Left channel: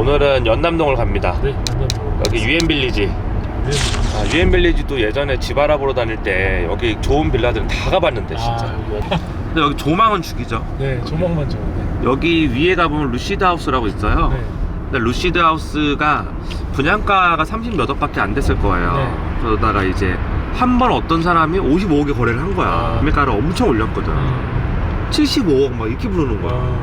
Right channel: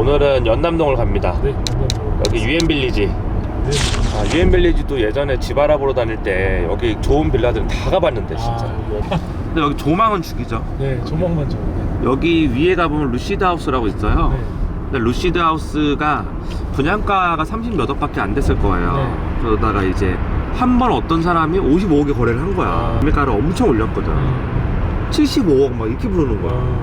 오늘은 연남동을 갑니다. 네, 연남동. 여기 유엔빌리지. 네. 유엔빌리지도 예전에 집 알아보러 다닐 때 여기 좋은 빌라들은 다 가봤는데 진짜. 근데 여기 조망은 죽이죠. 네, 조망만 좋은데. 여기 위에 가보면 루시드 하우스라고 있어요. 네. 근데 루시드 하우스가 분양가가 30몇 억밖에 안 됐을 거예요. 네. 그러다가 이제 한 번 어떤 사람이 55억에 거래를 한 거야. 매매가를 엄청 올렸거든. 75억 막 이렇게 부르는 거야.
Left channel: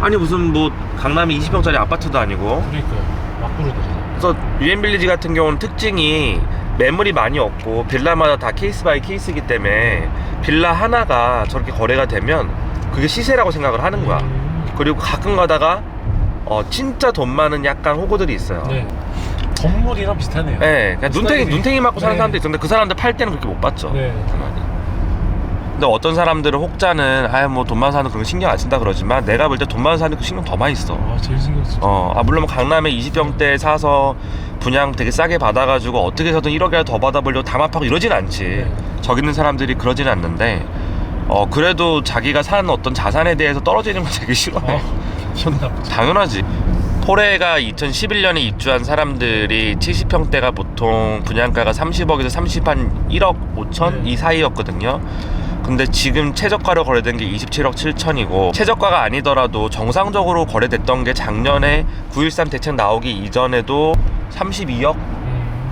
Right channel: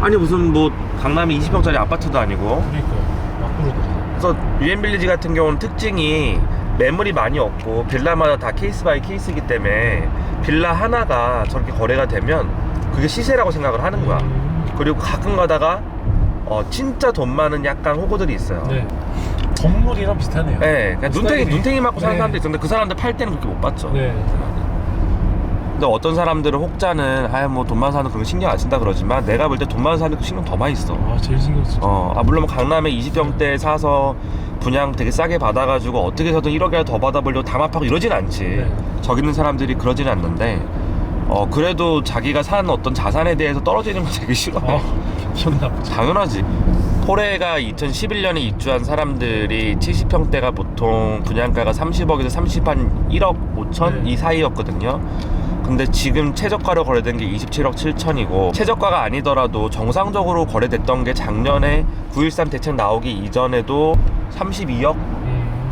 아니 무슨 뭐 강남에 20평짜리 아파트도 아니고. 그러니까요. 막 부르더라고요. 그래서 유엔빌리지 같은 경우는 특징이 매물이 많이 없고 빌라마다 다 케이스 바이 케이스이기 때문에 빌라 하나가 저렇게 거래가 되면 그게 시세라고 생각을 하는 거야. 그리고 가끔 가다가 진짜 돈 많은 약간 호구들이 있어요. 네. 건물이랑 비슷하네요. 네, 그러니까 눈탱이 맞고 사는 네. 사람도 있었는데 그 사람들 팔 때는 그렇게 못 봤죠. 네. 근데 어떤 사람들은 혹자는 뭐 돈 많은 사람은 그런 거 신경 안 쓴다 그러지만 내가 볼 때 돈 많은 사람이 그 신경 더 많이 써. 제일 신경 쓰죠. 물론 강남에 20평대 사서 분양 되게 싸게 받아가지고 어떻게 해서든 1억이라도 더 받아보려고 담합하고 이러진 않지. 네. 저기 있는 사람들이 그러진 않는데 그래도 자기가 산 어떤 자산에 대해서 떨어지는 거 되게 싫어해. 기분 나쁘죠. 당연하지. 토레가 2011년에 입주한 사람들이 70평대가 보통 분양가가 30억에서 1억 5천 네. 이 사이였거든요. 근데 지금 최저가로 거래된 게 27억 7천이고 최저가가 아니더라도 정상적으로 거래됐던 게 작년에 913 대책 나오기 이전에도 32억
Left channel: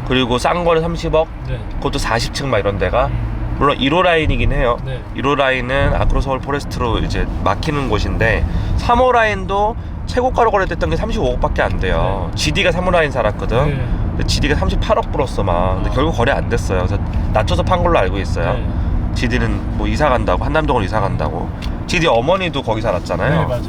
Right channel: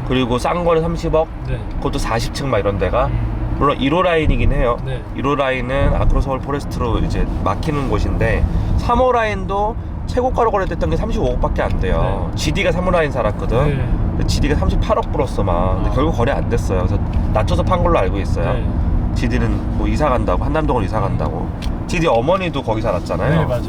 그리고 싼 거는 30억 네. 그것도 40층 막 이런 데가 물론 1호 라인이긴 해요. 네. 1호 라인은 아크로서울 포레스트로 이제 막히는 곳인데 3호 라인도 최고가로 거래됐던 게 35억밖에 안 돼요. GD가 3호 라인 살았거든. 네. 근데 GD가 38억 불었어 막. 근데 결국 거래 안 됐어요. 그래서 낮춰서 판 걸로 알고 있어요. 네. GD는 뭐 이사 간다고 한남동으로 이사 간다고. GD 어머니도 거기 살았잖아요. 네, 맞아요.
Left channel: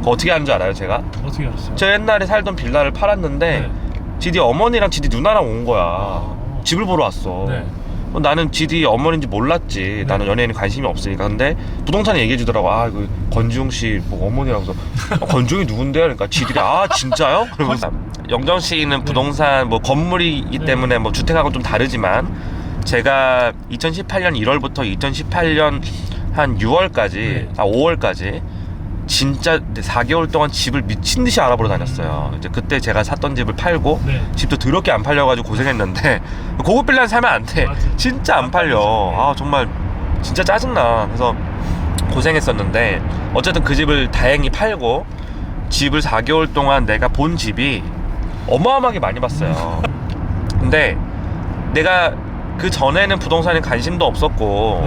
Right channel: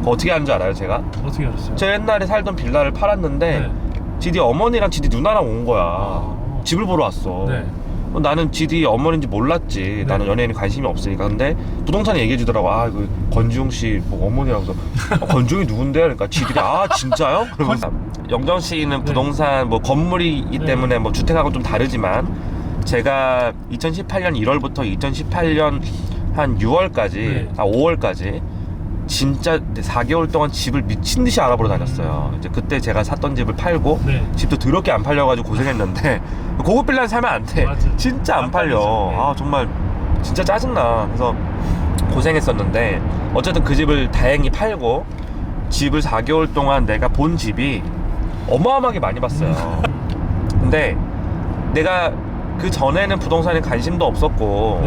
그거 어떻게 하는 줄 알아요, 제가? 어떻게 알았어요? 저 옛날에 살던 빌라를 팔았는데 네. GD 어머니랑 GD 누나랑 온 거야. 집을 보러 왔어. 네. 나는 GD 어머니인지 몰랐지. 네. 나는 연예인에 관심이 없으니까. 근데 부동산에 얘기해 주더라고. 이거 권지웅 씨 뭐 어머니라고 해서 권지웅이 누군데요? 그러니까 GD가 진짜요? 그러면서 영정 씨는 부동산 뭐 건물이기 때문에 뭐 주택하고 좀 다르지만 제가 2018년 1월부터 2018년 한 6월까지 5월까지 진짜 4개월 동안 집을 미친 듯이 알아보러 다녔어요. 이제 그때 제가 샀던 집을 팔고 집도 더럽게 안 팔려가지고 고생했는데 고급 빌라는 사면 안 돼. 진짜 안 팔려. 정말 진짜 짜증나. 그래서 고생했었는데 어쨌든 그 집을 다행히 팔고 집을 4개월 동안 내가 본 집이 어마어마하게 많이 봤어요. 근데 내가 그 전에는 부동산에 관심도 없었고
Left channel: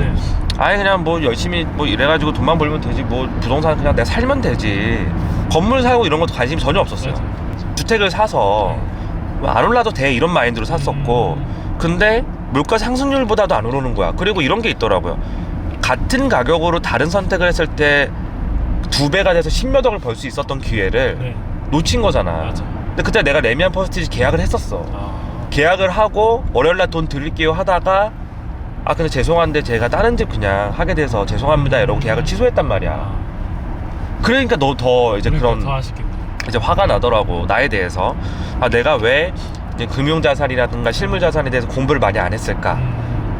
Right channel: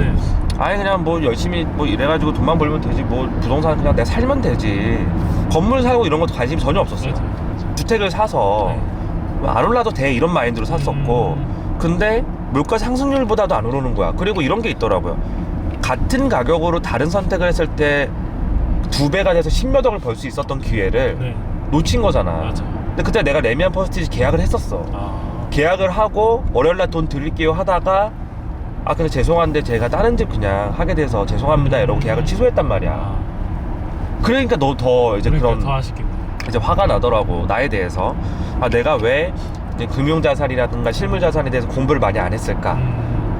그냥 뭐 열심히 뭐 이래가지고 돈만 벌면 되지 뭐 부동산 그냥 내가 살면 되지 건물 사고 이런 것도 관심이 전혀 없었어요. 주택을 사서 안 올라도 돼 이런 마인드로 샀었고 근데 물가 상승률보다도 안 오르는 거야. 그리고 이런 게 있더라고요. 같은 가격으로 다른 선택을 했을 때 2배가 돼서 10몇 억을 벌 수 있었던 기회를 놓친 거잖아. 맞아. 근데 그때 내가 레미안 퍼스티지 계약을 했었어. 계약을 하고 월요일날 돈 드릴게요 하다가 근데 죄송한데 제가 다른 집 그냥 하게 돼서 죄송합니다 이러고 계약을 취소했단 말이야. 그러니까 너 더 이제 그런 더 아쉽겠네. 이제 화가 나더라고. 나에 대해서 내가 왜 이제 금융자산이라든가 실물자산에 대해서 공부를 많이 안 했을까.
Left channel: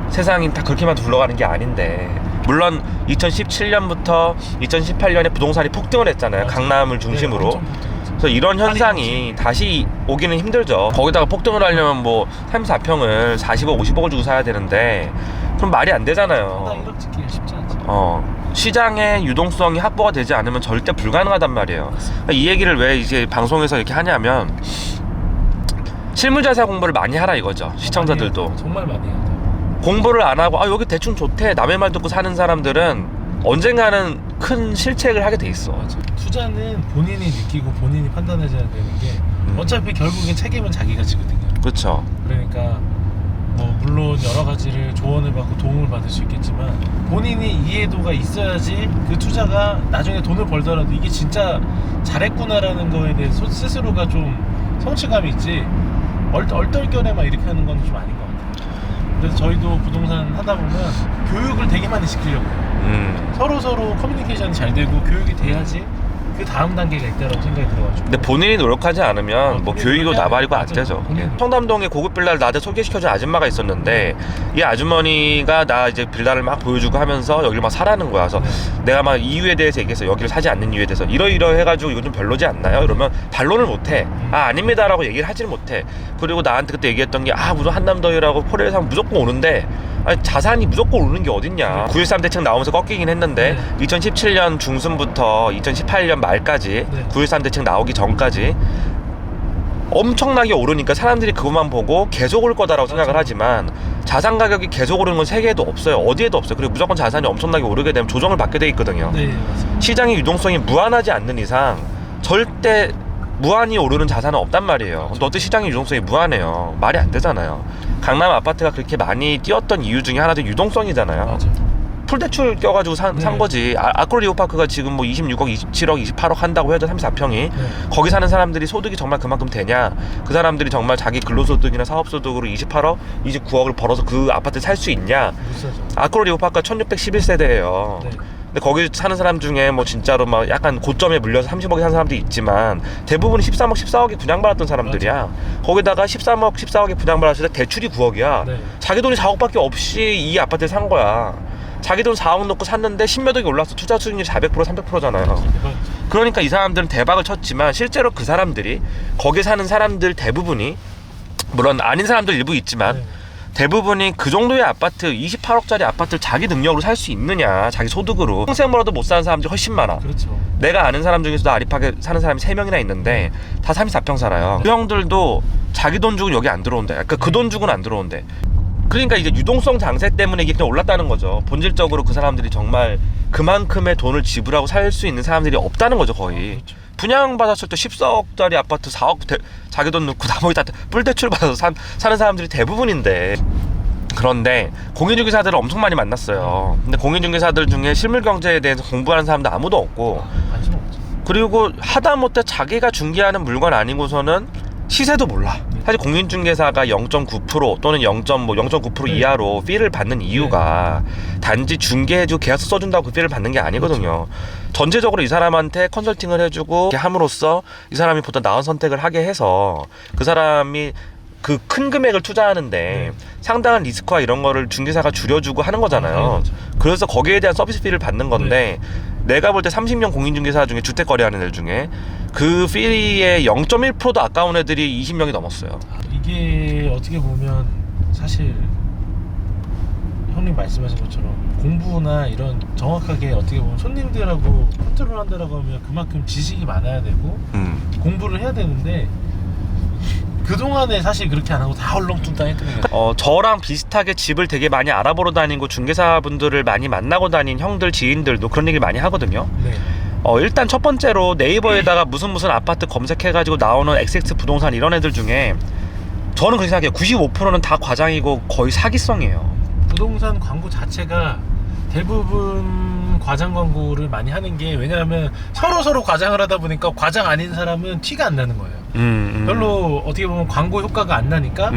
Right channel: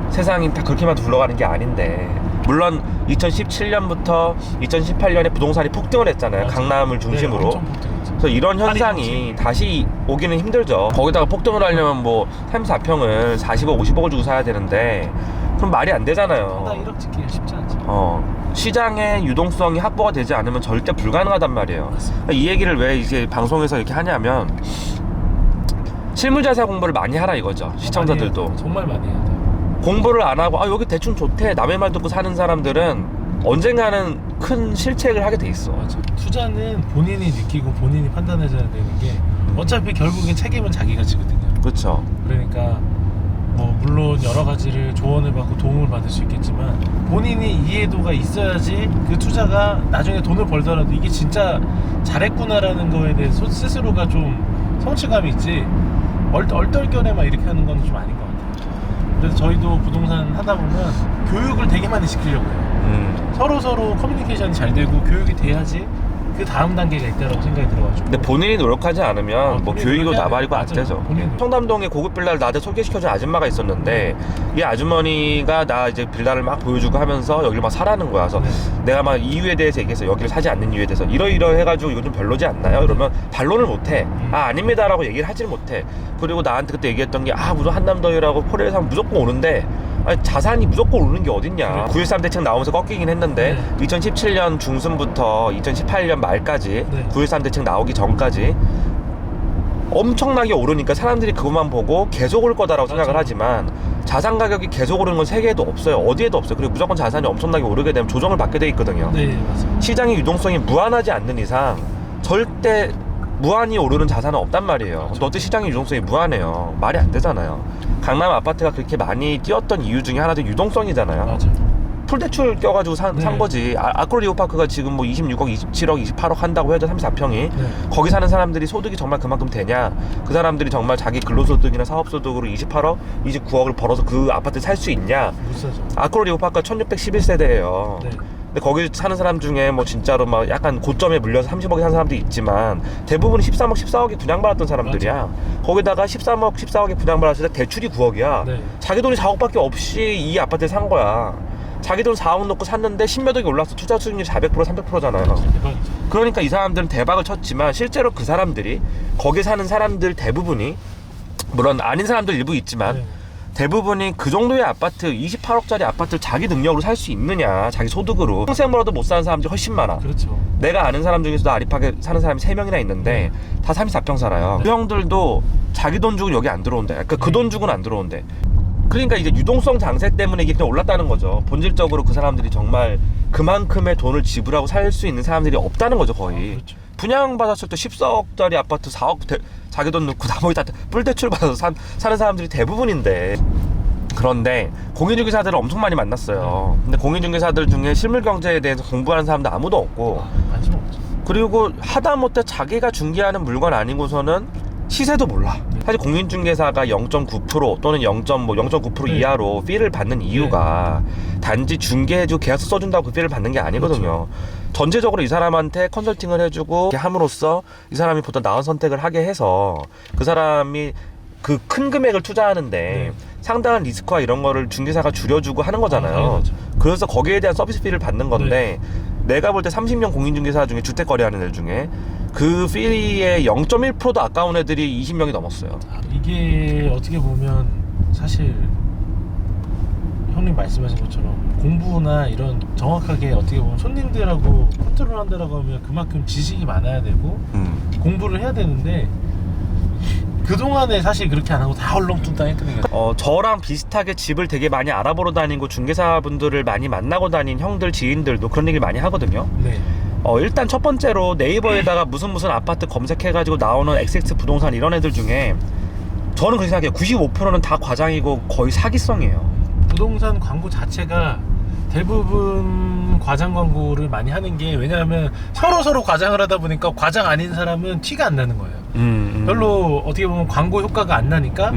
세상이 다 그렇게만 굴러가는 게 아닌데 물론 2017년부터 2018년에 부동산이 폭등을 했잖아요. 강남을 중심으로. 그래서 이런 현상이 다시 오기는 힘들죠. 거기다가 폭등을 하려면 뭐 3, 4평을 40억, 50억을 주고 사야 되는데 그럼 말이 안 되잖아요. 1억 짓기가 쉽지 않죠. 시장의 유동성이 확보가 되지 않으면 절대 불가능하단 말이에요. 이 얘기를 왜 이제 방송에서 이렇게 하냐면 실물자산 공부를 많이 하라 이거죠. 시청자들도. 정말 많이 해야 돼요. 공부를 안 하고 여기 대충 좋대 남의 말 듣고 사는 사람들은 언젠가는 큰 실책을 하게 돼 있어. 맞아. 투자는 본인이 느끼고 본인이 판단해줘야 되는 게 어차피 결국엔 책임은 자기가 지거든요. 그렇죠. 그러니까 뭐 물론 여러 가지를 조언을 받고 도움을 받을 수 있겠지만 본인이 이해도가 있어야지 그 투자가 나중에 돈을 벌더라도 이게 진짜 잘했구나라는 거에 대해서 스스로가 좀 성취감이 있지 얼떨결에 막 이렇게 하는 건 좀 아닌 것 같아요. 그래서 저희도 부동산 하다 보면 교육을 되게 많이 시키려고 해요. 서로 커뮤니케이션이 잘 되고 교육이 돼야지 그 다음 단계가 있다고 생각이 들어가지고. 근데 본인이 노력하지 않으면 뭐 본인이 교육이고 해야 나발이고 안 맞아요. 되죠. 본인이. 청담동에 고급 빌라를 나한테 소개시켜준 아줌마가 있었는데 이 아주머니가 나 이제 빌라를 막 보여주고 하면서 여기를 막 사라는 거야. 그래서 내가 막 이유에 대해서 얘기해서 여기를 사지 않는 이유에 대해서 이러이러 해가지고 이거 좀 별로지 않나요? 이러면 반론을 못해. 아 아닙니다라고 얘기를 하지를 못해. 그리고 나한테 그때 얘기했던 게 무슨 한남더위라고 포레에 사면 무조건 오는데 아니, 자산이 무조건 오르는 게 어딨냐. 9.13 대책 나오면서 꺾이긴 했는데 2017년 중순부터 2018년 말까지 9.13 대책 나오기 전까지 엄청나게 오르니까 사람들이 그것만 보고 계속 올 거다라고 생각을 하지만 자산 가격이 계속 오르는 건 세계에도 없어요. 어디에도 없어요. 그리고 무조건 자산이 엄청나게 오르게 되면 조정을 받게 돼 있거든요. 네, 맞습니다. 시장의 유동성이 무한하지 않는 이상 절대 무한히 오르는 자산은 없단 말이에요. 근데 어때 시장의 유동성이 무한해요. 말이 안 되잖아요. 강남 아파트가 그렇게 많이 뛰었던 이유 중에 하나도 유동성이잖아요. 맞아. 풀대출 껴가지고 산 거지. 아크로리오파크가 지금 뭐 26억, 27억, 28억 한다고 해도 34평이 거기 사는 사람들이 소득이 정말 그만큼 되냐? 그 사람들이 정말 자기 근로소득이나 사업소득으로 28억, 29억을 벌어서 그 아파트 살 수 있냐? 못 사죠. 아크로리오파크가 1611세대예요. 네. 근데 거기 사는 사람 중에 뭐 진짜로 막 약간 고점에 물려서 30억에 산 사람도 있지만 대부분이 13억, 14억에 분양받았던 사람들이야. 거기다가 13억, 14억에 분양받았을 때 대출이 9억이야. 네. 자기 돈이 4억밖에 없이 이 아파트를 산 거야. 자기 돈 4억 넣고 샀는데 10몇 억이 올랐어. 투자 수익률 400%, 300%잖아요. 대박이죠. 그러니까 이 사람들은 대박을 쳤지만 실제로 그 사람들이 거기 사는 사람들 대부분이 물론 아닌 사람들 일부 있지만 네. 대부분이 그 정도의 아파트 28억짜리 아파트를 자기 능력으로 살 수 있느냐 자기 소득으로 평생 벌어도 못 사는 사람들이 훨씬 많아. 그렇죠. 내가 아는 사람 중에서도 아리팍에 사는 사람이 3명이나 있는데 다 34평 살아요. 그 형들도 자기 돈 주고 여기 안 들어온대. 그러니까 그 돈 주고는 안 들어온대. 그러니까 이제 유동성 장세 때문에 이게 그냥 올랐다는 거죠. 본질적으로 그 사람들이 정말 그만큼의 돈을 지불하고 살 수 있는 사람들이 없다는 거죠 거의. 그렇죠. 분양받았을 때 14억짜리 아파트 4억 자기 돈 넣고 나머지 다 뿔대출 받아서 사는 사람들이 대부분인데 그런데 공인중개사들을 엄청 많이 만났어요. 근데 공인중개사들 중에 실물경제에 대해서 공부하는 사람도 아무도 없고 관심 없죠. 그리고 하다못해 자기가 중개하는 물건 아니고서는 시세도 몰라. 사실 공인중개사가 0.9% 또는 0.9% 이하로 피를 받는 이유가 단지 중개해주고 계약서 써준다고 그 피를 받는 게 아니거든요. 전체적으로 이 사람한테 컨설팅을 해주고 이렇게 함으로써 이 사람이 보다 나은 선택을 하게 해서 그 사람이 그 큰 금액을 투자하는데 상당한 리스크와 이런 거를 중개사가 줄여주고 하는 거잖아요. 그래서 거기에 대한 서비스 피를 받는 건데 내가 볼 때 30년 공인중개사 중에 주택 거래하는 애들 중에 그 피의 0.1%도 아까운 애들이 20명이 넘었어요. 이게 어떻게 보면 사실 형님 말씀하신 것처럼 공부나 이런 정확하게 어떻게 보면 손님들하고 컨트롤한다라고 하면 그만큼 지식이 많아야 되고 공부를 해야 되는데 그동안에 사실 그렇게 안 하고 다 얼렁뚱땅 했거든요. 저랑 비슷하게 집을 되게 많이 알아보러 다니고 중개사분들을 많이 만나고 다닌 형들 지인들도 그런 얘기를 많이 하거든요. 네. 일단 첫 번째로 네이버에다가 무슨 아파트 검색해가지고 나오는 XX 부동산 이런 애들 중에 저는 그렇게 생각해요. 95%는 다 과장이고 거의 사기성이에요. 부동산 광고 자체가 대부분 과장 광고를 많이 하는 게 왜냐하면 서로 과장을 하다 보니까 과장 아닌 사람은 티가 안 나는 거예요. 별로 어떻게 보면 광고 효과가 안 나니까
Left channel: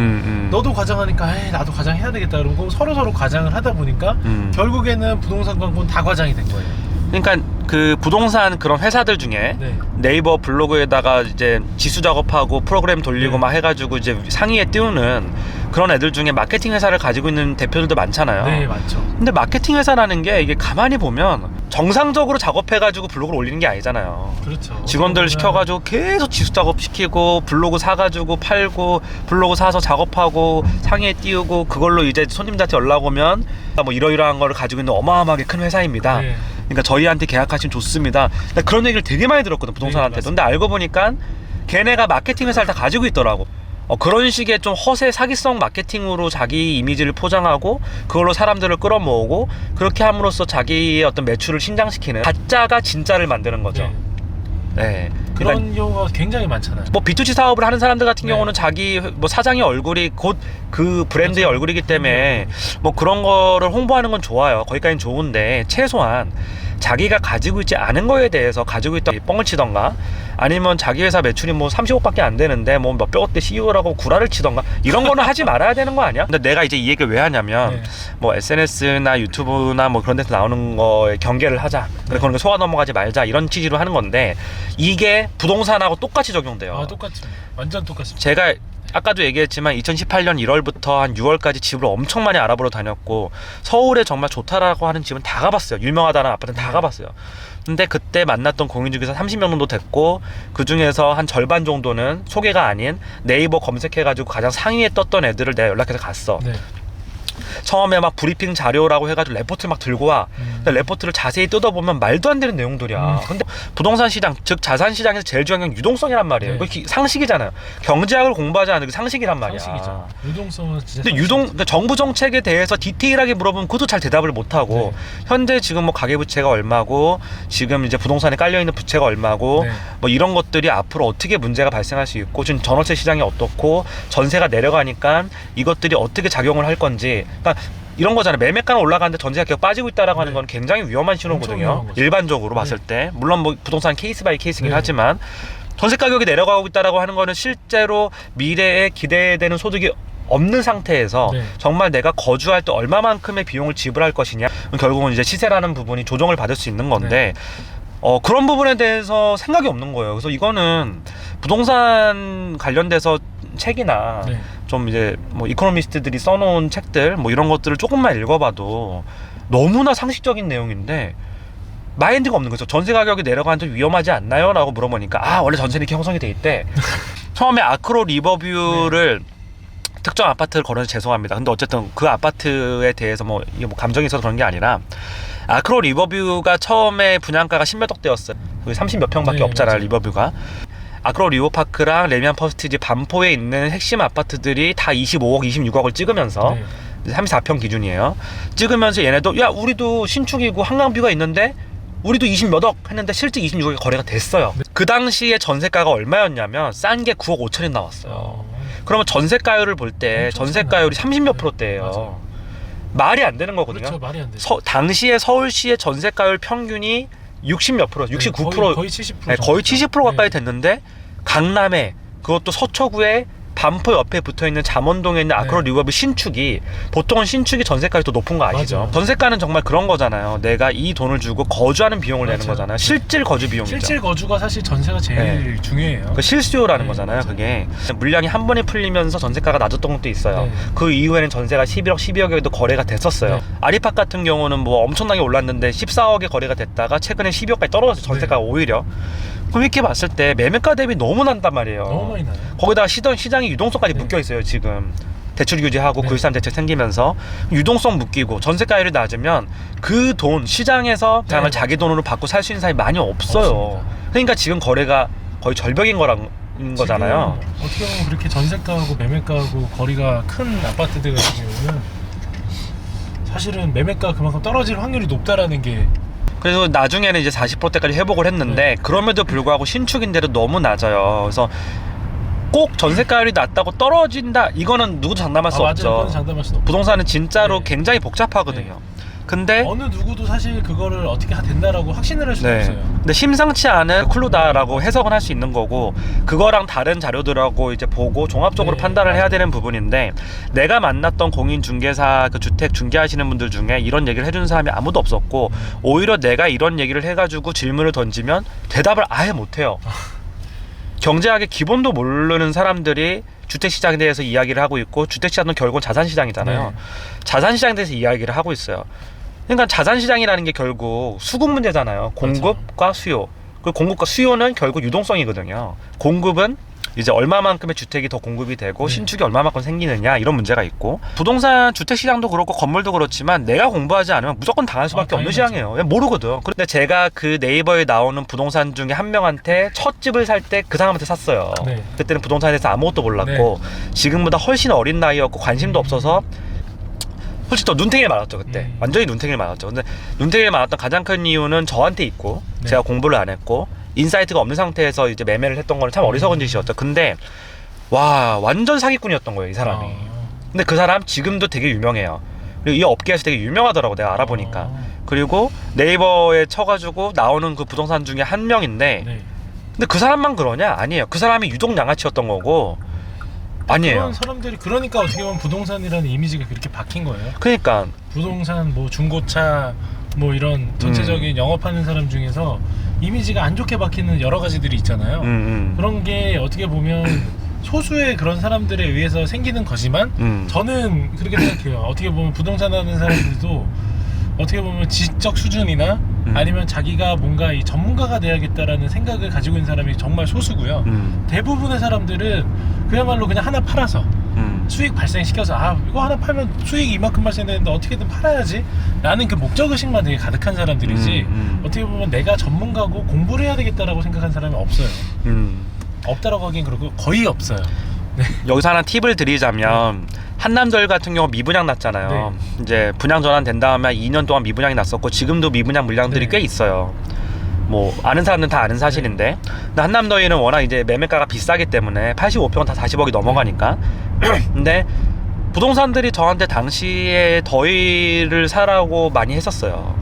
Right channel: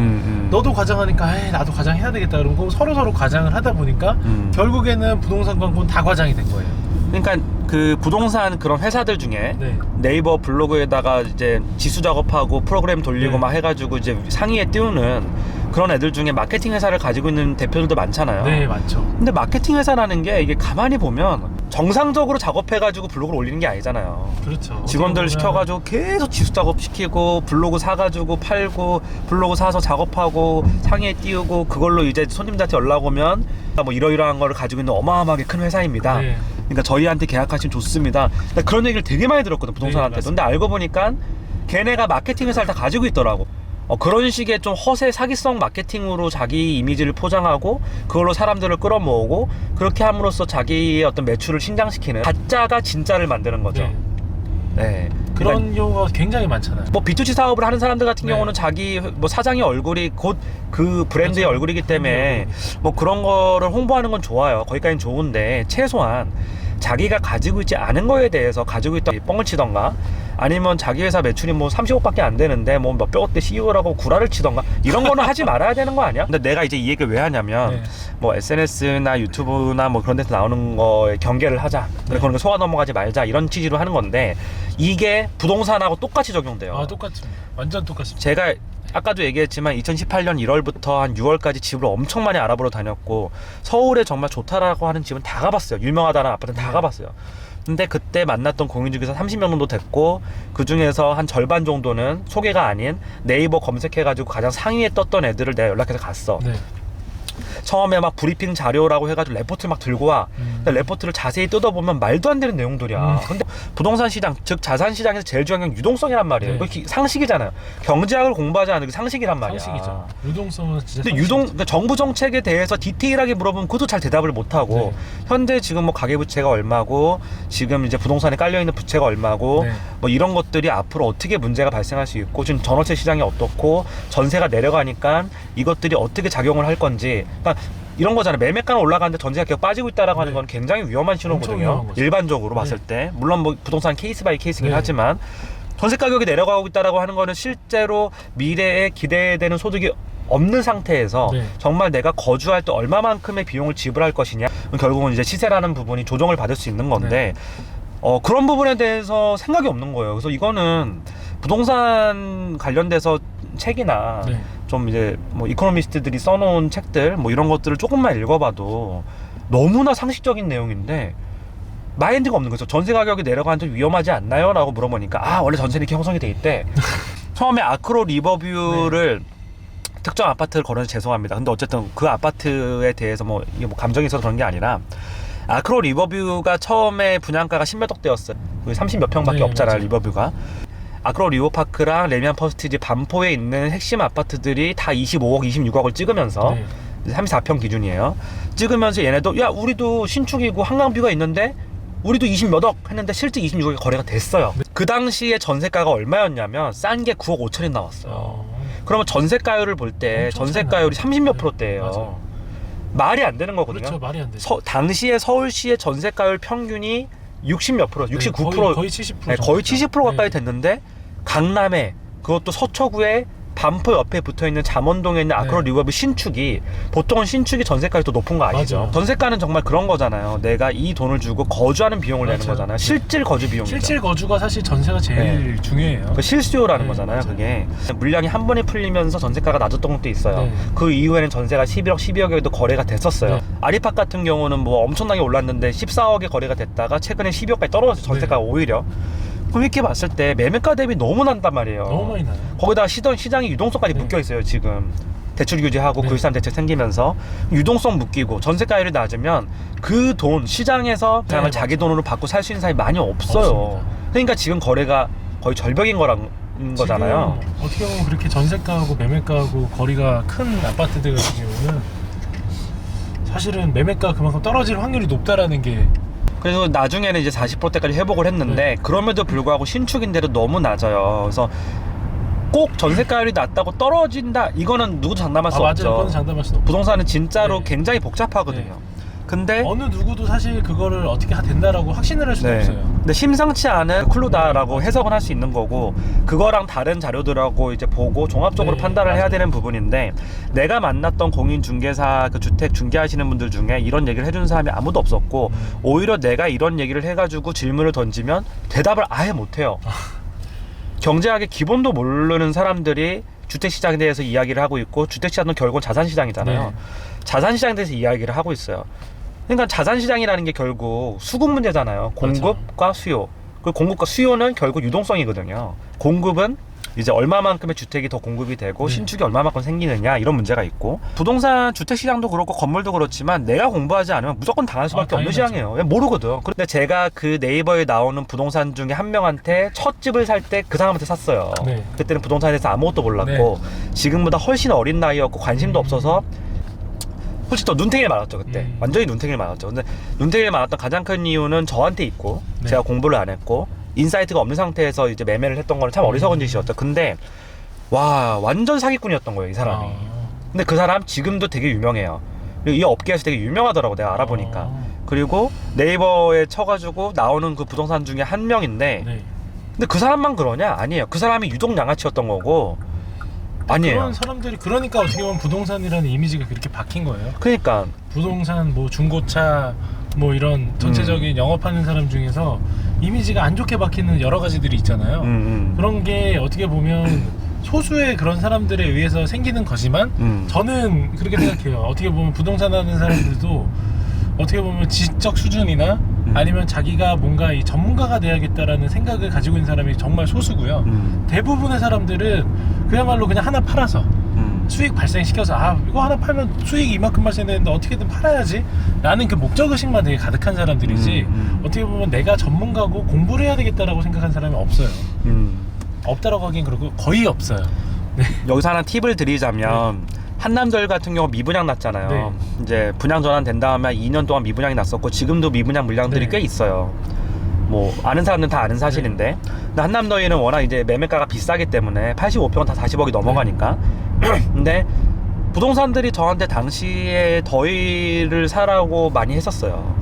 너도 과장하니까 에이, 나도 과장해야 되겠다 그러고 서로 과장을 하다 보니까 결국에는 부동산 광고는 다 과장이 된 거예요. 그러니까 그 부동산 그런 회사들 중에 네이버 블로그에다가 이제 지수 작업하고 프로그램 돌리고 막 해가지고 이제 상위에 띄우는 그런 애들 중에 마케팅 회사를 가지고 있는 대표들도 많잖아요. 네, 많죠. 근데 마케팅 회사라는 게 이게 가만히 보면 정상적으로 작업해가지고 블로그를 올리는 게 아니잖아요. 그렇죠. 직원들 시켜가지고 계속 지수 작업시키고 블로그 사가지고 팔고 블로그 사서 작업하고 상위에 띄우고 그걸로 이제 손님들한테 연락 오면 뭐 이러이러한 거를 가지고 있는 어마어마하게 큰 회사입니다. 네. 그러니까 저희한테 계약하시면 좋습니다. 나 그런 얘기를 되게 많이 들었거든 부동산한테. 근데 알고 보니까 걔네가 마케팅 회사를 다 가지고 있더라고. 그런 식의 좀 허세 사기성 마케팅으로 자기 이미지를 포장하고 그걸로 사람들을 끌어모으고 그렇게 함으로써 자기의 어떤 매출을 신장시키는 가짜가 진짜를 만드는 거죠. 네. 그런 그러니까 경우가 굉장히 많잖아요. 뭐 B2C 사업을 하는 사람들 같은 경우는 자기 뭐 사장의 얼굴이 곧 그 브랜드의 얼굴이기 때문에 뭐 그런 거를 홍보하는 건 좋아요. 거기까지는 좋은데 최소한 자기가 가지고 있지 않은 거에 대해서 가지고 있다 뻥을 치던가, 아니면 자기 회사 매출이 뭐 30억밖에 안 되는데 뭐 몇백억대 CEO라고 구라를 치던가, 이런 거는 하지 말아야 되는 거 아니야? 근데 내가 이제 이 얘기를 왜 하냐면 네. 뭐 SNS나 유튜브나 뭐 그런 데서 나오는 거에 경계를 하자, 그래 그런 거 속아 넘어가지 말자, 이런 취지로 하는 건데 이게 부동산하고 똑같이 적용돼요. 아, 똑같습니다. 완전 똑같습니다. 제가 아까도 얘기했지만 2018년 1월부터 한 6월까지 집을 엄청 많이 알아보러 다녔고, 서울에 정말 좋다라고 하는 집은 다 가봤어요. 유명하다는 아파트는 다 가봤어요. 근데 그때 만났던 공인 중개사 30명 정도 됐고, 그 중에서 한 절반 정도는 소개가 아닌 네이버 검색해가지고 가장 상위에 떴던 애들을 내가 연락해서 갔어. 네. 처음에 막 브리핑 자료라고 해가지고 레포트 막 들고 와. 근데 레포트를 자세히 뜯어보면 말도 안 되는 내용들이야. 근데 부동산 시장, 즉 자산 시장에서 제일 중요한 게 유동성이란 말이에요. 네. 그게 상식이잖아요. 경제학을 공부하지 않은 게 상식이란 말이야. 상식이죠. 유동성은 진짜. 근데 상식이죠. 그러니까 정부 정책에 대해서 디테일하게 물어보면 그것도 잘 대답을 못 하고, 네. 현재 지금 뭐 가계부채가 얼마고, 지금 이제 부동산에 깔려 있는 부채가 얼마고, 네. 뭐 이런 것들이 앞으로 어떻게 문제가 발생할 수 있고, 지금 전월세 시장이 어떻고, 전세가 내려가니까 이것들이 어떻게 작용을 할 건지, 그러니까 이런 거잖아요. 매매가는 올라가는데 전세가 계속 빠지고 있다라고 하는 네. 건 굉장히 위험한 엄청 신호거든요. 위험한 거죠. 일반적으로 네. 봤을 때, 물론 뭐 부동산 케이스 바이 케이스긴 네. 하지만, 전세 가격이 내려가고 있다라고 하는 거는 실제로 미래에 기대되는 소득이 없는 상태에서 네. 정말 내가 거주할 때 얼마만큼의 비용을 지불할 것이냐, 결국은 이제 시세라는 부분이 조정을 받을 수 있는 건데, 그런 부분에 대해서 생각이 없는 거예요. 그래서 이거는 부동산 관련돼서 책이나 네. 좀 이제 뭐 이코노미스트들이 써놓은 책들 뭐 이런 것들을 조금만 읽어봐도 너무나 상식적인 내용인데 마인드가 없는 거죠. 전세 가격이 내려가는 좀 위험하지 않나요? 라고 물어보니까, 아, 원래 전세는 이렇게 형성이 돼 있대. 처음에 아크로 리버뷰를 특정 아파트를 걸어서 죄송합니다. 근데 어쨌든 그 아파트에 대해서 뭐 이게 뭐 감정이 있어서 그런 게 아니라, 아크로 리버뷰가 처음에 분양가가 10몇 억대였어요. 30몇 평밖에 네, 없잖아요, 맞아요. 리버뷰가. 아크로 리버파크랑 레미안 퍼스티지 반포에 있는 핵심 아파트들이 다 25억, 26억을 찍으면서, 네. 34평 기준이에요. 찍으면서 얘네도 야, 우리도 신축이고 한강뷰가 있는데 우리도 20몇억 했는데 실제 26억에 거래가 됐어요. 그 당시에 전세가가 얼마였냐면 싼 게 9억 5천이 나왔어요. 그러면 전세가율을 볼 때 엄청 전세가율이 차이나요. 30몇 네, 프로대예요. 맞아요. 말이 안 되는 거거든요. 그렇죠. 말이 안 되죠. 당시에 서울시의 전세가율 평균이 60몇 프로, 69%, 거의 70%. 네, 거의 70% 가까이 됐는데, 강남에, 그것도 서초구에 반포 옆에 붙어있는 잠원동에 있는 아크로 네. 리버뷰 신축이, 보통은 신축이 전세가율이 더 높은 거 아시죠? 맞아요. 전세가는 정말 그런 거잖아요. 내가 이 돈을 주고 거주하는 비용을 내는 맞아요. 거잖아요. 네. 실질 거주 비용이죠. 실질 거주가 사실 전세가 제일 중요해요. 그 실수요라는 네, 거잖아요. 맞아요. 그게 물량이 한 번에 풀리면서 전세가가 낮았던 것도 있어요. 네. 그 이후에는 전세가 11억, 12억에도 거래가 됐었어요. 네. 아리팍 같은 경우는 뭐 엄청나게 올랐는데 14억에 거래가 됐다가 최근에 12억까지 떨어졌어요. 전세가가 네. 오히려. 그럼 이렇게 봤을 때 매매가 대비 너무 난단 말이에요. 너무 많이 나요. 거기다가 시장이 유동성까지 네. 묶여 있어요. 지금 대출 규제하고 네. 9.13 대책 생기면서 유동성 묶이고 전세가율이 낮으면 그 돈 시장에서 네, 장을 자기 돈으로 받고 살 수 있는 사람이 많이 없어요. 없습니다. 그러니까 지금 거래가 거의 절벽인 거잖아요. 지금 어떻게 보면 그렇게 전세가하고 매매가하고 거리가 큰 아파트들 같은 경우는 사실은 매매가 그만큼 떨어질 확률이 높다라는 게. 그래서 나중에는 이제 40%대까지 회복을 했는데, 네. 그럼에도 불구하고 신축인데도 너무 낮아요. 그래서 꼭 전세가율이 낮다고 떨어진다, 이거는 누구도 장담할 수 맞아요. 없죠. 그건 장담할 수는 없죠. 부동산은 진짜로 네. 굉장히 복잡하거든요. 근데 어느 누구도 사실 그거를 어떻게 된다라고 확신을 할 수는 없어요. 근데 심상치 않은 클루다라고 해석은 할 수 있는 거고, 그거랑 다른 자료들하고 이제 보고 종합적으로 네, 판단을 해야 맞아요. 되는 부분인데, 내가 만났던 공인중개사 그 주택 중개하시는 분들 중에 이런 얘기를 해주는 사람이 아무도 없었고, 오히려 내가 이런 얘기를 해가지고 질문을 던지면 대답을 아예 못해요. 경제학의 기본도 모르는 사람들이 주택시장에 대해서 이야기를 하고 있고, 주택시장은 결국은 자산시장이잖아요. 네. 자산시장에 대해서 이야기를 하고 있어요. 그러니까 자산시장이라는 게 결국 수급 문제잖아요. 공급과 수요. 그 공급과 수요는 결국 유동성이거든요. 공급은 이제 얼마만큼의 주택이 더 공급이 되고, 네. 신축이 얼마만큼 생기느냐, 이런 문제가 있고, 부동산 주택시장도 그렇고 건물도 그렇지만 내가 공부하지 않으면 무조건 당할 수밖에 없는 당연하죠. 시장이에요. 왜 모르거든. 근데 제가 그 네이버에 나오는 부동산 중에 한 명한테 첫 집을 살 때 그 사람한테 샀어요. 네. 그때는 부동산에 대해서 아무것도 몰랐고, 지금보다 훨씬 어린 나이였고 관심도 없어서 솔직히 더 눈탱이를 맞았죠. 그때 완전히 눈탱이를 맞았죠. 근데 눈탱이를 맞았던 가장 큰 이유는 저한테 있고, 네. 제가 공부를 안 했고 인사이트가 없는 상태에서 이제 매매를 했던 거는 참 어리석은 짓이었죠. 근데 와, 완전 사기꾼이었던 거예요, 이 사람이. 근데 그 사람 지금도 되게 유명해요. 그리고 이 업계에서 되게 유명하더라고, 내가 알아보니까. 그리고 네이버에 쳐가지고 나오는 그 부동산 중에 한 명인데 네. 근데 그 사람만 그러냐? 아니에요. 그 사람이 유독 양아치였던 거고 아니에요. 그런 사람들이 그러니까 어떻게 보면 부동산이라는 이미지가 그렇게 박힌 거예요. 그러니까 부동산 뭐 중고차 뭐 이런 전체적인 영업하는 사람 중에서 이미지가 안 좋게 박히는 여러 가지들이 있잖아요. 그런 게 어떻게 보면 소수의 그런 사람들에 의해서 생기는 거지만 저는 그렇게 생각해요. 어떻게 보면 부동산 하는 사람들도 어떻게 보면 지적 수준이나 아니면 자기가 뭔가 이 전문가가 돼야겠다라는 생각을 가지고 있는 사람이 정말 소수고요. 대부분의 사람들은 그야말로 그냥 하나 팔아서 수익 발생시켜서 아 이거 하나 팔면 수익이 이만큼 발생되는데 어떻게든 팔아야지 라는 그 목적의식만 되게 가득한 사람들이지 어떻게 보면 내가 전문가고 공부를 해야 되겠다라고 생각한 사람이 없어요. 없다라고 하긴 그렇고 거의 없어요. 네. 여기서 하나 팁을 드리자면 한남더일 같은 경우 미분양 났잖아요. 네. 이제 분양 전환된 다음에 2년 동안 미분양이 났었고 지금도 미분양 물량들이 네. 꽤 있어요. 뭐 아는 사람들은 다 아는 사실인데 근데 한남더일은 워낙 이제 매매가가 비싸기 때문에 85평은 다 40억이 넘어가니까 근데 부동산들이 저한테 당시에 더일을 사라고 많이 했었어요.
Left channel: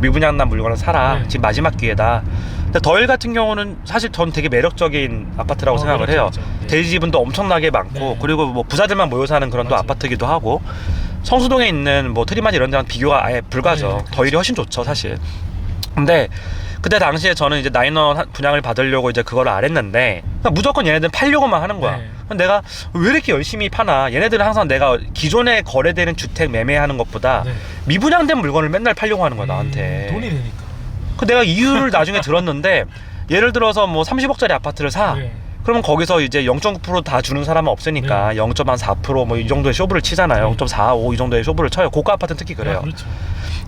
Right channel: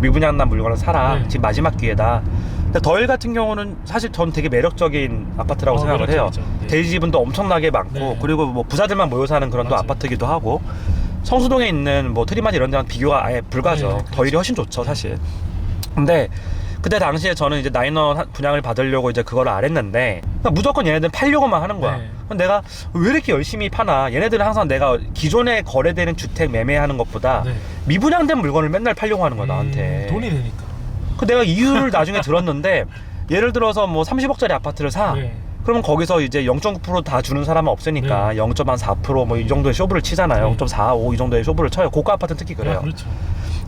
미분양 난 물건을 사라. 네. 지금 마지막 기회다. 근데 더일 같은 경우는 사실 전 되게 매력적인 아파트라고 생각을 해요. 그렇죠. 네. 대지 지분도 엄청나게 많고 네. 그리고 뭐 부자들만 모여 사는 그런 또 맞아요. 아파트기도 하고 성수동에 있는 뭐 트리마지 이런 데랑 비교가 아예 불가죠. 네, 그렇죠. 더일이 훨씬 좋죠 사실. 근데 그때 당시에 저는 이제 나인원 분양을 받으려고 이제 그걸 안 했는데 그냥 무조건 얘네들은 팔려고만 하는 거야. 네. 그럼 내가 왜 이렇게 열심히 파나? 얘네들은 항상 내가 기존에 거래되는 주택 매매하는 것보다 네. 미분양된 물건을 맨날 팔려고 하는 거야 나한테. 돈이 되니까. 그 내가 이유를 나중에 들었는데 예를 들어서 뭐 30억짜리 아파트를 사. 네. 그러면 거기서 이제 0.9% 다 주는 사람은 없으니까 0.4% 뭐 이 정도의 쇼부를 치잖아요. 네. 0.45 이 정도의 쇼부를 쳐요. 고가 아파트는 특히 그래요. 아, 그렇죠.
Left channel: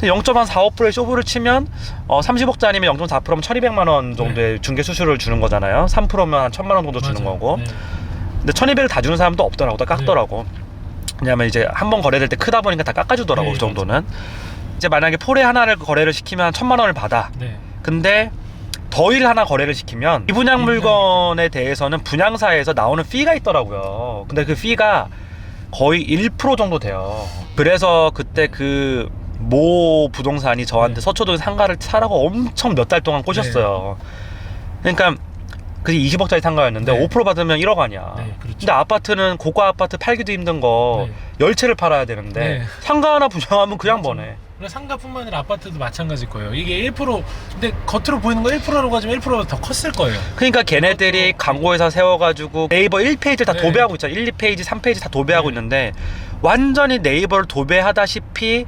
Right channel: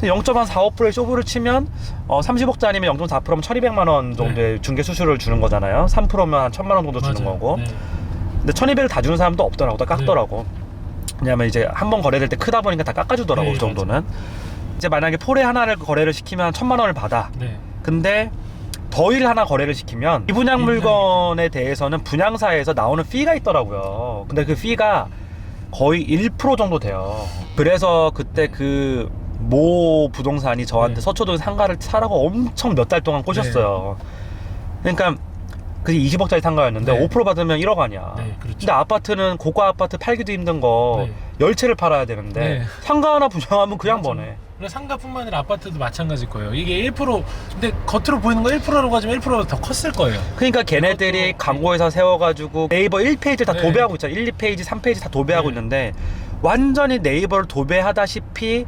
0.45%의 쇼부를 치면 30억짜리면 0.4%면 1,200만 원 정도의 중개 수수료를 주는 거잖아요. 3%면 한 1,000만 원 정도 주는 맞아요. 거고. 네. 근데 1,200을 다 주는 사람도 없더라고. 다 깎더라고. 왜냐면 이제 한 번 거래될 때 크다 보니까 다 깎아주더라고. 네, 그 정도는. 이제 만약에 폴에 하나를 거래를 시키면 1,000만 원을 받아. 네. 근데 더일 하나 거래를 시키면 미분양 물건에 대해서는 분양사에서 나오는 피가 있더라고요. 근데 그 피가 거의 1% 정도 돼요. 그래서 그때 그 모 부동산이 저한테 네. 서초동 상가를 사라고 엄청 몇 달 동안 꼬셨어요. 그러니까 그게 20억짜리 상가였는데 네. 5% 받으면 1억 아니야. 네, 그렇죠. 근데 아파트는 고가 아파트 팔기도 힘든 거 네. 10채를 팔아야 되는데 네. 상가 하나 분양하면 그냥 맞아요. 버네. 그리고 상가뿐만 아니라 아파트도 마찬가지일 거예요. 이게 1% 근데 겉으로 보이는 거 1%라고 하지만 1%보다 더 컸을 거예요. 그러니까 걔네들이 광고회사 세워가지고 네이버 1페이지를 다 네. 도배하고 있잖아. 1, 2페이지, 3페이지 다 도배하고 네. 있는데 완전히 네이버를 도배하다시피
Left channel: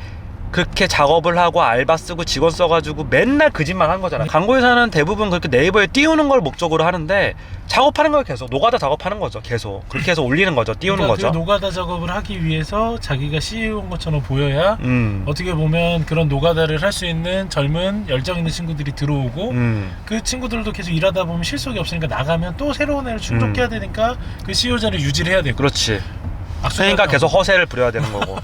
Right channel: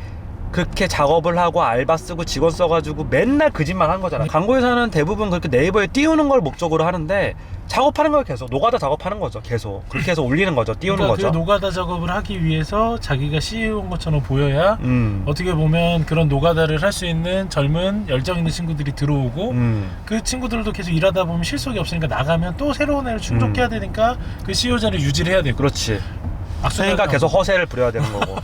그렇게 작업을 하고 알바 쓰고 직원 써가지고 맨날 그 짓만 한 거잖아. 광고회사는 대부분 그렇게 네이버에 띄우는 걸 목적으로 하는데 작업하는 걸 계속 노가다 작업하는 거죠. 계속 그렇게 해서 올리는 거죠. 띄우는 그러니까 거죠. 그 노가다 작업을 하기 위해서 자기가 CEO인 것처럼 보여야 음. 어떻게 보면 그런 노가다를 할 수 있는 젊은 열정 있는 친구들이 들어오고 그 친구들도 계속 일하다 보면 실속이 없으니까 나가면 또 새로운 애를 충족해야 되니까 그 CEO 자리를 유지를 해야 되고 그렇지. 악수를 그러니까 하고. 계속 허세를 부려야 되는 거고.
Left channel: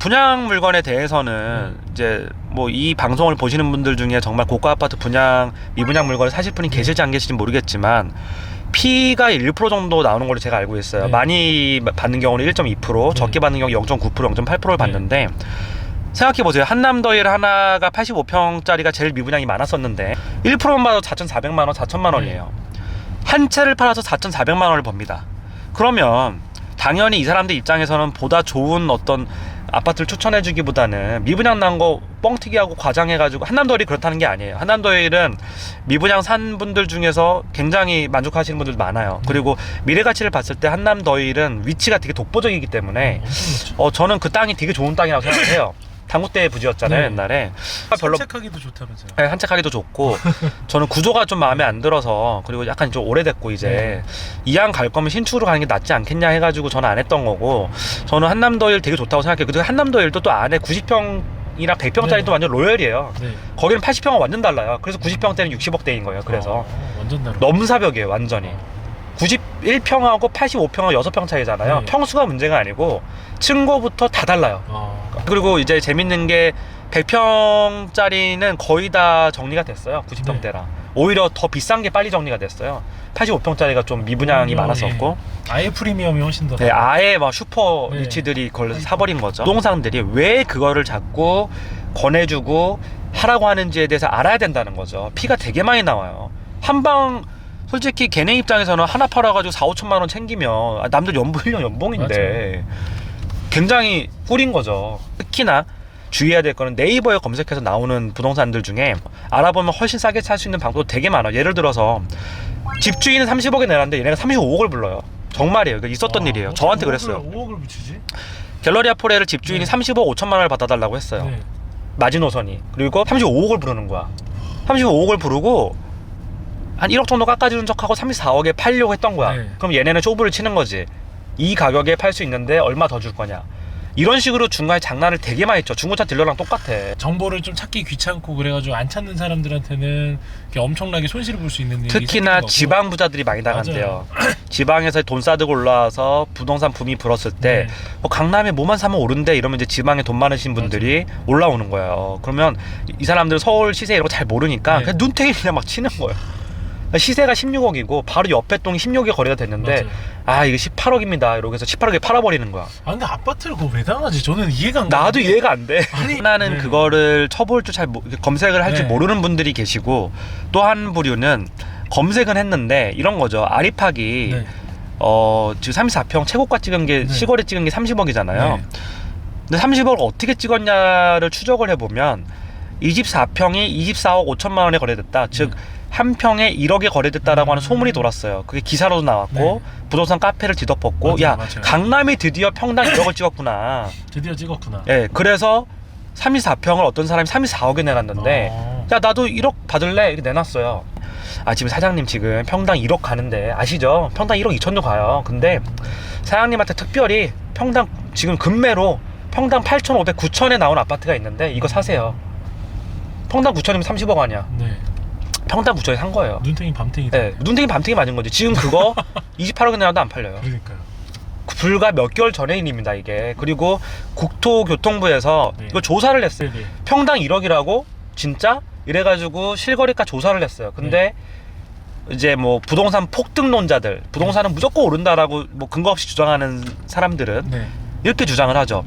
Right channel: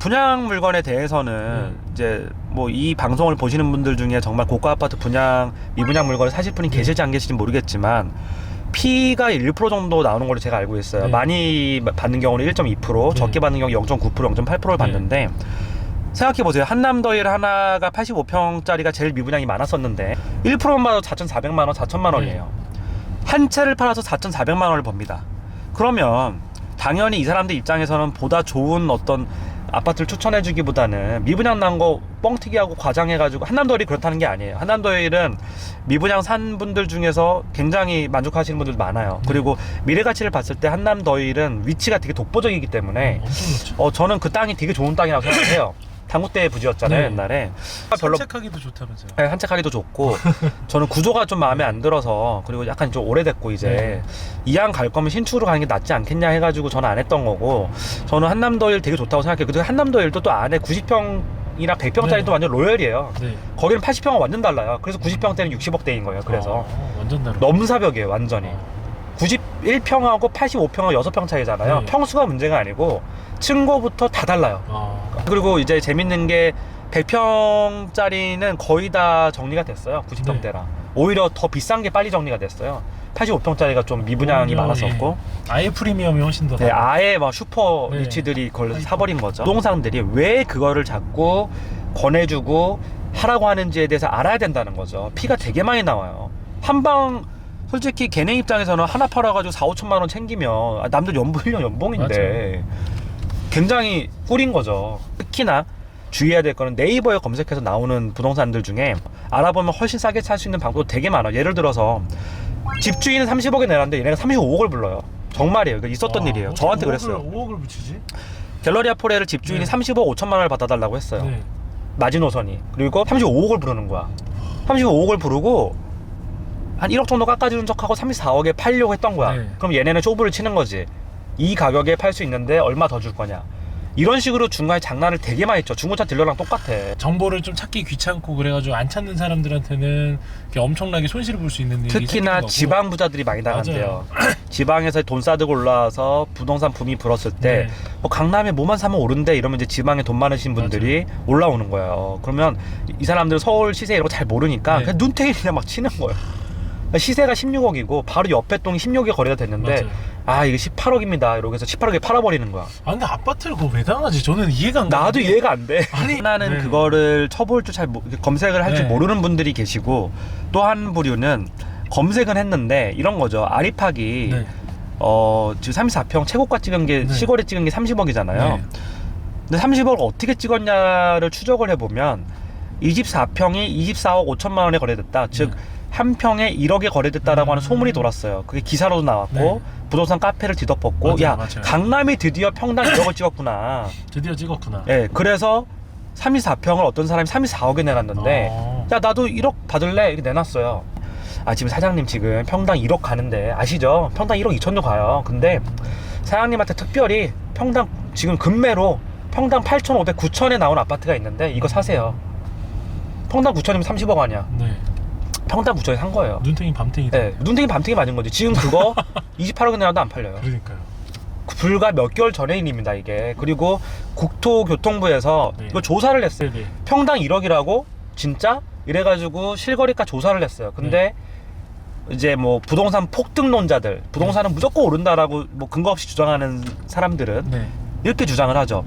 분양 물건에 대해서는 이제 뭐 이 방송을 보시는 분들 중에 정말 고가 아파트 분양 미분양 물건을 사실 분이 계실지 안 계실지 모르겠지만 피가 1% 정도 나오는 걸로 제가 알고 있어요. 네. 많이 받는 경우는 1.2%, 네. 적게 받는 경우 0.9%, 0.8%를 받는데 생각해 보세요. 한남더일 하나가 85평짜리가 제일 미분양이 많았었는데 1%만 받아도 4,400만 원, 4천만 원이에요. 한 채를 팔아서 4,400만 원을 법니다. 그러면 당연히 이 사람들 입장에서는 보다 좋은 어떤 아파트를 추천해주기보다는 미분양 난 거 뻥튀기하고 과장해가지고 한남더일이 그렇다는 게 아니에요. 한남더일은 미분양 산 분들 중에서 굉장히 만족하시는 분들도 많아요. 그리고 미래가치를 봤을 때 한남더일은 위치가 되게 독보적이기 때문에 엄청 좋죠. 저는 그 땅이 되게 좋은 땅이라고 생각해요. 당구대 부지였잖아요. 네. 옛날에. 산책하기도 좋다면서요. 네, 산책하기도 좋고 저는 구조가 좀 마음에 안 들어서 그리고 약간 좀 오래됐고 이제 이왕 갈 거면 신축으로 가는 게 낫지 않겠냐 해가지고 저는 안 했던 거고 저는 한남더일 되게 좋다고 생각해요. 그리고 한남더일도 또 안에 90평이랑 100평짜리 도 완전 로열이에요. 네. 거기는 80평은 완전 달라요. 그래서 90평대는 60억대인 거예요. 그래서 완전 다르. 넘사벽이에요 완전히. 91평하고 85평하고 6평 차이잖아요. 네. 평수가 문제가 아니고 층고부터 다 달라요. 그리고 이제 재밌는 게 100평짜리는 거의 다 정리가 됐어요. 90평대라. 오히려 더 비싼 게 빨리 정리가 됐어요. 85평짜리가 좀 미분양이 많았었고 아예 프리미엄이 훨씬 더 네, 아예 막 슈퍼 네. 리치들이 그걸 사버린 거죠. 부동산들이 왜 그거를 자꾸 권해주고 하라고 하는지에 대해서 알아야 된다는 거죠. 피가 되게 많이 나와요. 한방 솔직히 걔네 입장에서는 하나 팔아가지고 4-5천만 원 챙기면 남들 연봉 1년 연봉인데 굉장히 꿀인 거죠. 특히나 주의해야 될 거는 네이버에 검색해서 나오는 부동산들 중에 알아보면 훨씬 싸게 살 수 있는 방법도 되게 많아요. 예를 들어서 집주인은 30억에 내놨는데 얘네가 35억을 불러요. 정말이에요. 이거 있었던 일이에요. 저한테 그랬어요. 5억을 붙이지? 갤러리아 포레를 집주인이 네. 35억 5천만 원을 받아달라고 했어요. 네. 마지노선이. 그리고 35억을 부르는 거야. 35억을 부르고 한 1억 정도 깎아주는 척하고 34억에 팔려고 했던 거야. 네. 그럼 얘네는 쇼부를 치는 거지. 이 가격에 팔 수 있는데 얼마 더 줄 거냐. 이런 식으로 중간에 장난을 되게 많이 쳐. 중고차 딜러랑 똑같아. 정보를 좀 찾기 귀찮고 그래가지고 안 찾는 사람들한테는 이렇게 엄청나게 손실을 볼 수 있는 일이 특히나 생기는 거고. 지방 부자들이 많이 나간대요. 지방에서 돈 싸들고 올라와서 부동산 붐이 불었을 때 네. 강남에 뭐만 사면 오른대 이러면 이제 지방에 돈 많으신 분들이 올라오는 거예요. 그러면 이 사람들 서울 시세 이런 거 잘 모르니까 네. 그냥 눈탱이 그냥 막 치는 거예요. 시세가 16억이고 바로 옆에 동이 16억에 거래가 됐는데 맞아요. 아 이게 18억입니다 이러고 해서 18억에 팔아버리는 거야. 아 근데 아파트를 그거 왜 당하지? 저는 이해가 안 가. 나도 이해가 안 돼. 아니, 하나는 네. 그거를 쳐볼 줄 잘 검색을 할 줄 네. 모르는 분들이 계시고 또 한 부류는 검색은 했는데 이런 거죠. 아리팍이 네. 지금 34평 최고가 찍은 게 네. 시골에 찍은 게 30억이잖아요. 네. 근데 30억을 어떻게 찍었냐를 추적을 해보면 24평이 24억 5천만 원에 거래됐다. 즉 한 평에 1억에 거래됐다라고 하는 소문이 돌았어요. 그게 기사로도 나왔고 네. 부동산 카페를 뒤덮었고 맞아요, 야 맞아요. 강남이 드디어 평당 1억을 찍었구나. 드디어 찍었구나. 예, 그래서 34평을 어떤 사람이 34억에 내놨는데 야 나도 1억 받을래 이렇게 내놨어요. 아 지금 사장님 지금 평당 1억 가는데 아시죠? 평당 1억 2천도 가요. 근데 사장님한테 특별히 평당 지금 금매로 평당 8,500, 9천에 나온 아파트가 있는데 이거 사세요. 평당 9천이면 30억 아니야. 네. 평당 9천에 산 거예요. 눈탱이 밤탱이다. 네, 눈탱이 밤탱이 맞은 거지. 지금 그거 28억에 내놔도 안 팔려요. 그러니까요. 불과 몇 개월 전의 일입니다 이게. 그리고 국토교통부에서 네. 이거 조사를 했어요. 네네. 평당 1억이라고 진짜 이래가지고 실거래가 조사를 했어요. 근데 이제 뭐 부동산 폭등론자들, 부동산은 무조건 오른다라고 뭐 근거 없이 주장하는 사람들은 네. 이렇게 주장을 하죠.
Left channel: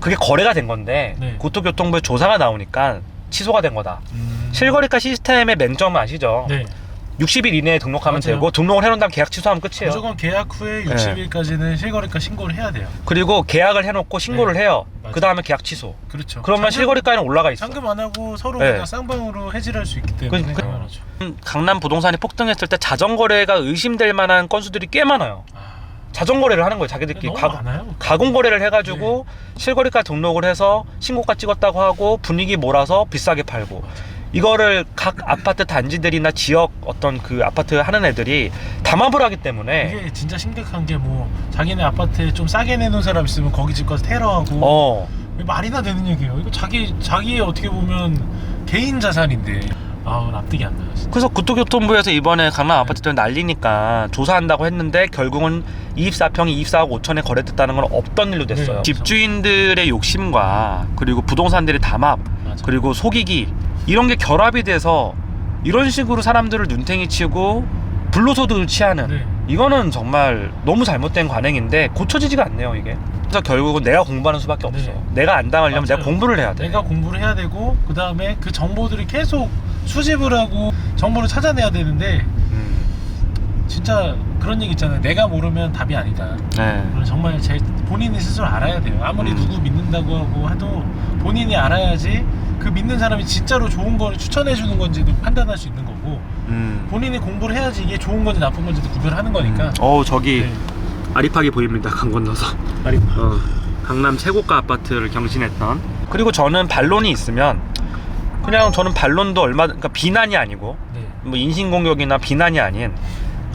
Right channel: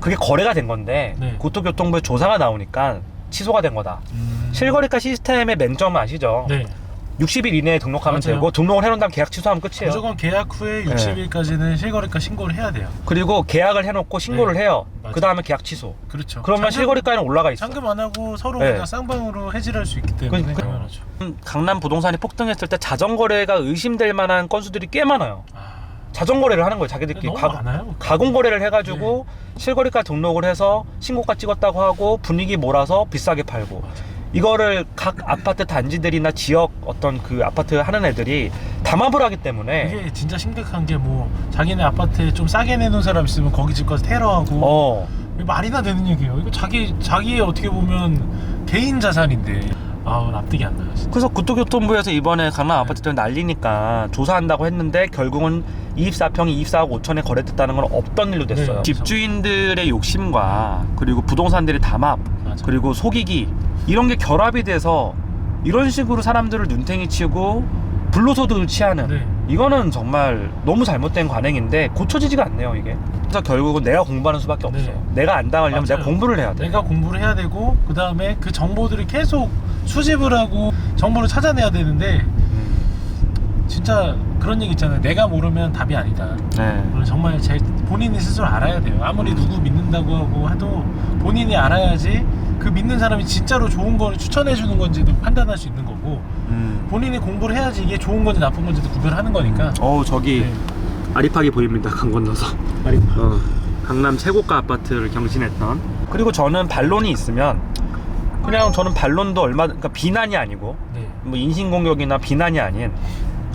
그게 거래가 된 건데 네. 국토교통부에 조사가 나오니까 취소가 된 거다. 실거래가 시스템의 맹점은 아시죠? 네. 60일 이내에 등록하면 맞아요. 되고 등록을 해놓은 다음 계약 취소하면 끝이에요. 무조건 계약 후에 60일까지는 실거래가 신고를 해야 돼요. 그리고 계약을 해놓고 신고를 네. 해요. 맞아요. 그 다음에 계약 취소. 그렇죠. 그러면 실거래가는 올라가 있어. 잔금 안 하고 서로 네. 그냥 쌍방으로 해지를 할 수 있기 때문에 그- 당연하죠. 강남 부동산이 폭등했을 때 자전거래가 의심될 만한 건수들이 꽤 많아요. 아, 자전거래를 하는 거예요. 자기들끼리 너무 많아요. 가공거래를 해가지고 실거래가 등록을 해서 신고가 찍었다고 하고 분위기 몰아서 비싸게 팔고 이거를 각 아파트 단지들이나 지역 어떤 그 아파트 하는 애들이 담합을 하기 때문에 이게 진짜 심각한 게 뭐 자기네 아파트에 좀 싸게 내놓은 사람 있으면 거기 집 가서 테러하고 이게 말이나 되는 얘기예요. 이거 자기의 어떻게 보면 개인 자산인데 납득이 안 나요. 진짜. 그래서 국토교통부에서 이번에 강남 아파트들 난리니까 조사한다고 했는데 결국은 24평이 24억 5천에 거래됐다는 건 없던 일로 됐어요. 네, 집주인들의 욕심과 그리고 부동산들의 담합 맞아. 그리고 속이기 이런 게 결합이 돼서 이런 식으로 사람들을 눈탱이 치고 불로소득을 취하는 네. 이거는 정말 너무 잘못된 관행인데 고쳐지지가 않네요 이게. 그래서 결국은 내가 공부하는 수밖에 없어. 네. 내가 안 당하려면 맞아요. 내가 공부를 해야 돼. 내가 공부를 해야 되고 그 다음에 그 정보들을 계속 수집을 하고 정보를 찾아내야 되는데 진짜 그런 얘기 있잖아요. 내가 모르면 답이 아니다. 네. 그건 정말 본인이 스스로 알아야 돼요. 아무리 누구 믿는다고 하고 해도 본인이 알아야지 그 믿는 사람이 진짜로 좋은 거를 추천해 주는 건지도 판단할 수 있는 거고 본인이 공부를 해야지 이게 좋은 건지 나쁜 건지도 구별하는 거니까. 저기 네. 아리팍이 보입니다. 강 건너서. 강남 최고가 아파트를 경신했던. 그리고 저는 반론이 있으면 그냥 저는 반론도 그러니까 비난이 아니고 네. 뭐 인신공격이나 비난이 아닌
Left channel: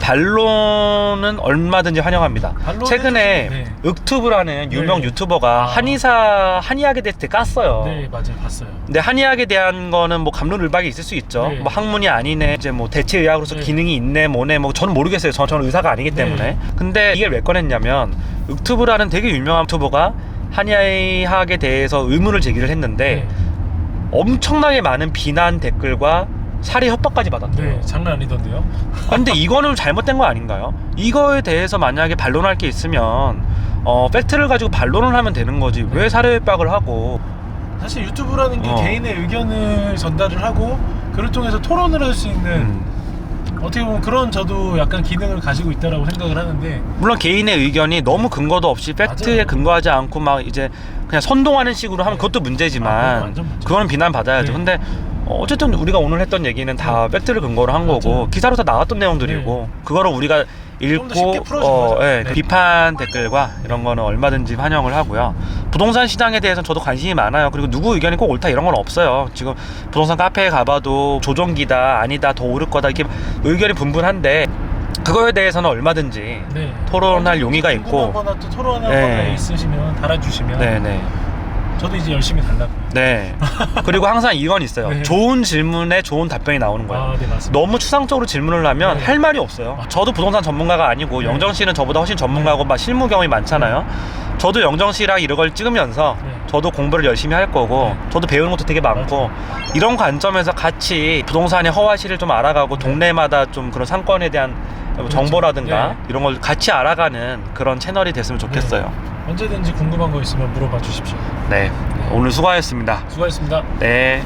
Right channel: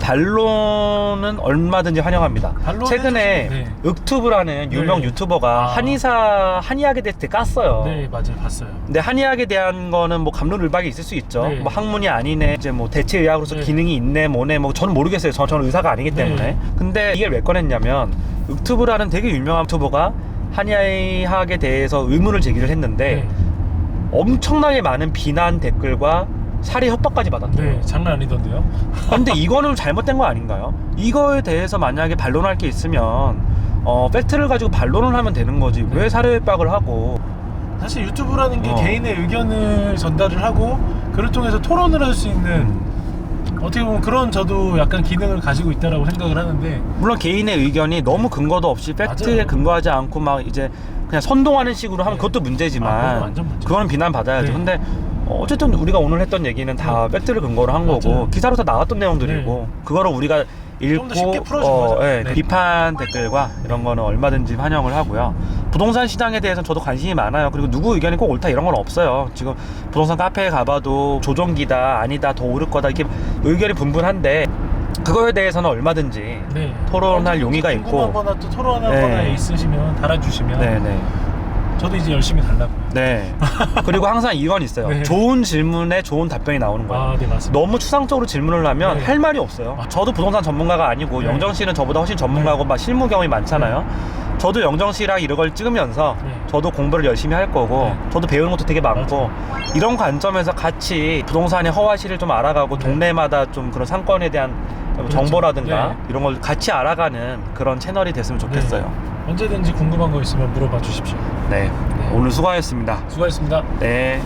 반론은 얼마든지 환영합니다. 반론은 최근에 네. 윽튜브라는 유명 네. 유튜버가 한의학에 대해서 되게 깠어요. 네 맞아요 봤어요. 근데 한의학에 대한 거는 뭐 감론을박이 있을 수 있죠. 네. 뭐 학문이 아니네, 이제 뭐 대체 의학으로서 네. 기능이 있네, 뭐네, 뭐 저는 모르겠어요. 저는 의사가 아니기 때문에. 네. 근데 이게 왜 꺼냈냐면 윽튜브라는 되게 유명한 유튜버가 한의학에 대해서 의문을 제기를 했는데 네. 엄청나게 많은 비난 댓글과 살해 협박까지 받았대요. 네 장난 아니던데요. 근데 이거는 잘못된 거 아닌가요? 이거에 대해서 만약에 반론할 게 있으면 팩트를 가지고 반론을 하면 되는 거지. 왜 살해 협박을 하고 사실 유튜브라는 게 어. 개인의 의견을 전달을 하고 그를 통해서 토론을 할 수 있는 어떻게 보면 그런 저도 약간 기능을 가지고 있다라고 생각을 하는데 물론 개인의 의견이 너무 근거도 없이 팩트에 맞아요. 근거하지 않고 막 이제 그냥 선동하는 식으로 하면 네. 그것도 아, 문제지만 그건 완전 문제죠. 그거는 비난받아야죠. 네. 근데 어쨌든 우리가 오늘 했던 얘기는 다 팩트를 근거로 한 거고 맞아요. 기사로 다 나왔던 내용들이고 그거를 우리가 좀더 쉽게 읽고 풀어준 거죠. 예, 네. 비판 댓글과 이런 거는 얼마든지 환영을 하고요. 부동산 시장에 대해서는 저도 관심이 많아요. 그리고 누구 의견이 꼭 옳다 이런 건 없어요. 지금 부동산 카페에 가봐도 조종기다 아니다 더 오를 거다 이렇게 의견이 분분한데 그거에 대해서는 얼마든지 네. 토론할 용의가 있고 궁금하거나 또 토론할 네. 거나 있으시면 달아주시면 네네 저도 이제 열심히 달라고요. 네. 그리고 항상 이건 있어요. 네. 좋은 질문에 좋은 답변이 나오는 거예요. 아, 네 맞습니다. 너무 추상적으로 질문을 하면 네. 할 말이 없어요. 저도 부동산 전문가가 아니고 네. 영정 씨는 저보다 훨씬 전문가고 막 실무 경험이 많잖아요. 저도 영정 씨랑 이런 걸 찍으면서 네. 저도 공부를 열심히 할 거고 네. 저도 배우는 것도 되게 많고 이런 관점에서 같이 부동산의 허와시를 좀 알아가고 네. 동네마다 좀 그런 상권에 대한 정보라든가 네. 이런 걸 같이 알아가는 그런 채널이 됐으면 좋겠어요. 언제든지 궁금한 거 있으면 물어봐 주십시오. 네. 오늘 수고하셨습니다. 수고하셨습니다. 네.